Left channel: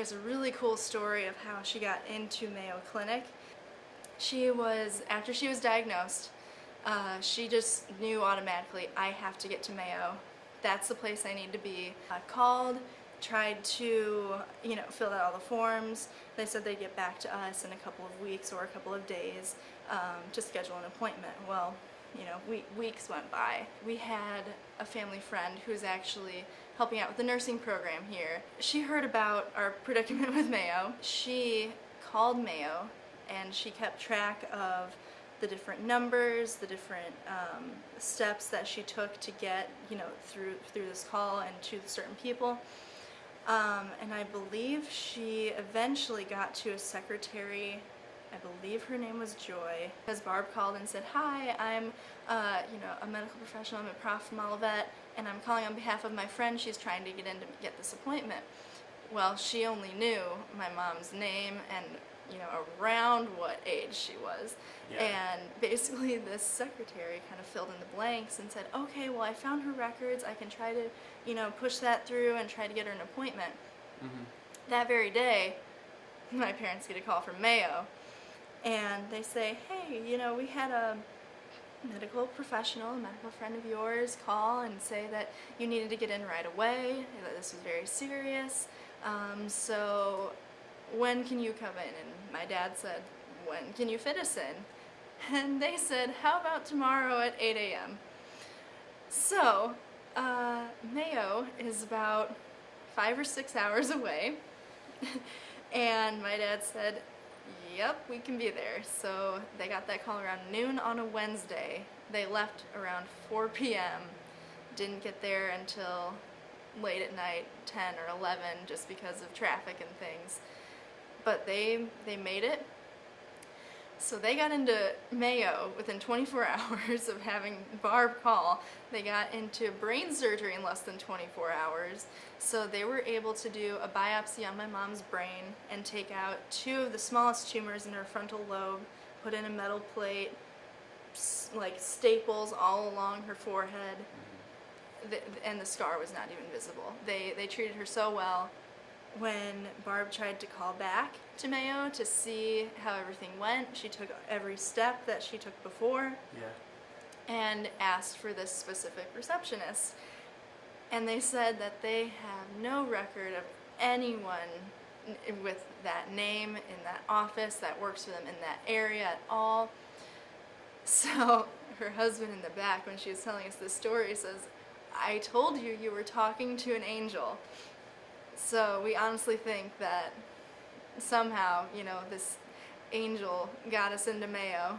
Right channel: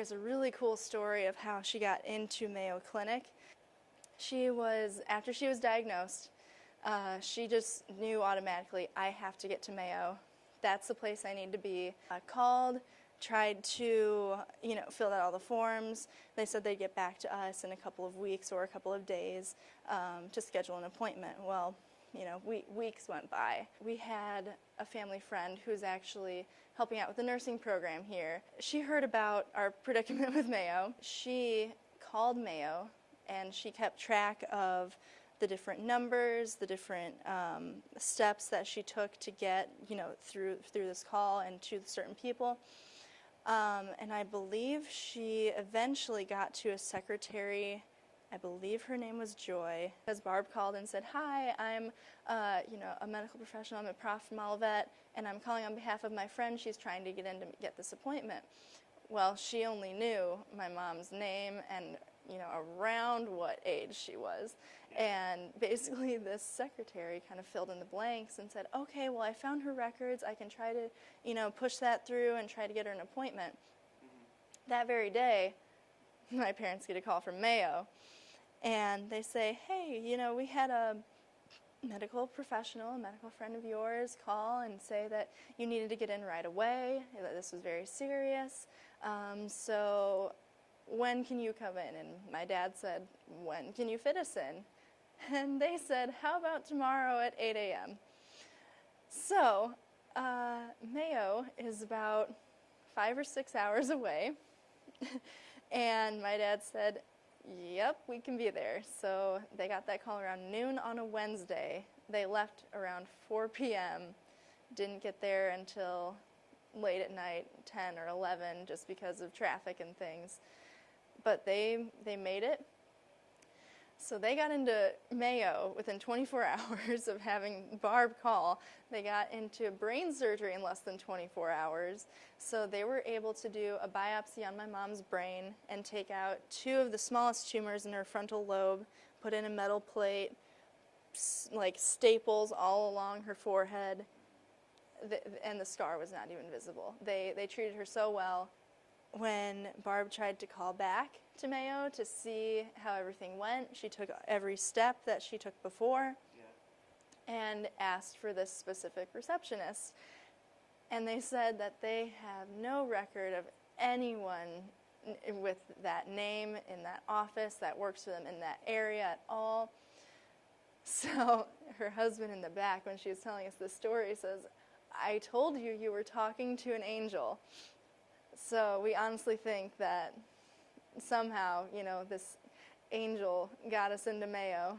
there's a really cool story of how she got into MayoClinic. After she was diagnosed, she just knew automatically, I have to get to Mayo. That's the place I need to be. I called, tried to, fill out all the forms. They said they'd get back to us in a couple of weeks or a couple of days to schedule an appointment. Well, weeks went by. We had a family friend who's actually helping out with the nursing program here. She heard about our predicament with Mayo. She called Mayo and she kept track of the different numbers, the different steps that she took to get, through this call and to certain people. And I believe she eventually got to a secretary. I believe her name was Joy. As Barb called and said, "Hi, I'm, a medical professional. I'm a prof vet, and I'm calling on behalf of my friend. She's trying to get in to get this appointment." Well, she only knew my mom's name and, around what age she was. Yeah. And basically this secretary kind of filled in the blanks and said, "Okay, well, I found her records. I can try to, push that through and try to get her an appointment." Mm-hmm. That very day, my parents get a call from Mayo. And they say, "Hey, we had a medical professional, a medical friend of yours, call and say that you needed to get in right away, that this was very serious. So when can you come in?" And my dad said, "When can you fit us in?" And they said, "How about tomorrow at 8 a.m.? So Mayo is about 5 or 6 hours away. And my dad said, "Yep, we can be there." So they got that call around noon on a Wednesday. They left around 4 p.m. Didn't get there until late at night, 10 or 11, just because of traffic and things. But they made it. So they got into Mayo within 24 hours of having Barb call. They got into brain surgery in less than 24 hours. So they were able to do a biopsy on my mom's brain and take out 2 of the smallest tumors in her frontal lobe, put in a metal plate, like staples all along her forehead, and the scar was not even visible. They treated her so well. When Barb tried to call back to Mayo to see how everything went, she took every step that she took before. Yeah. And asked for this specific receptionist. And they said that they have no record of anyone with that name in that office that works for them in that area at all. So her husband in the back, when she was telling us this story, says, "I told you you were talking to an angel." So we honestly think that somehow, this angel got us into Mayo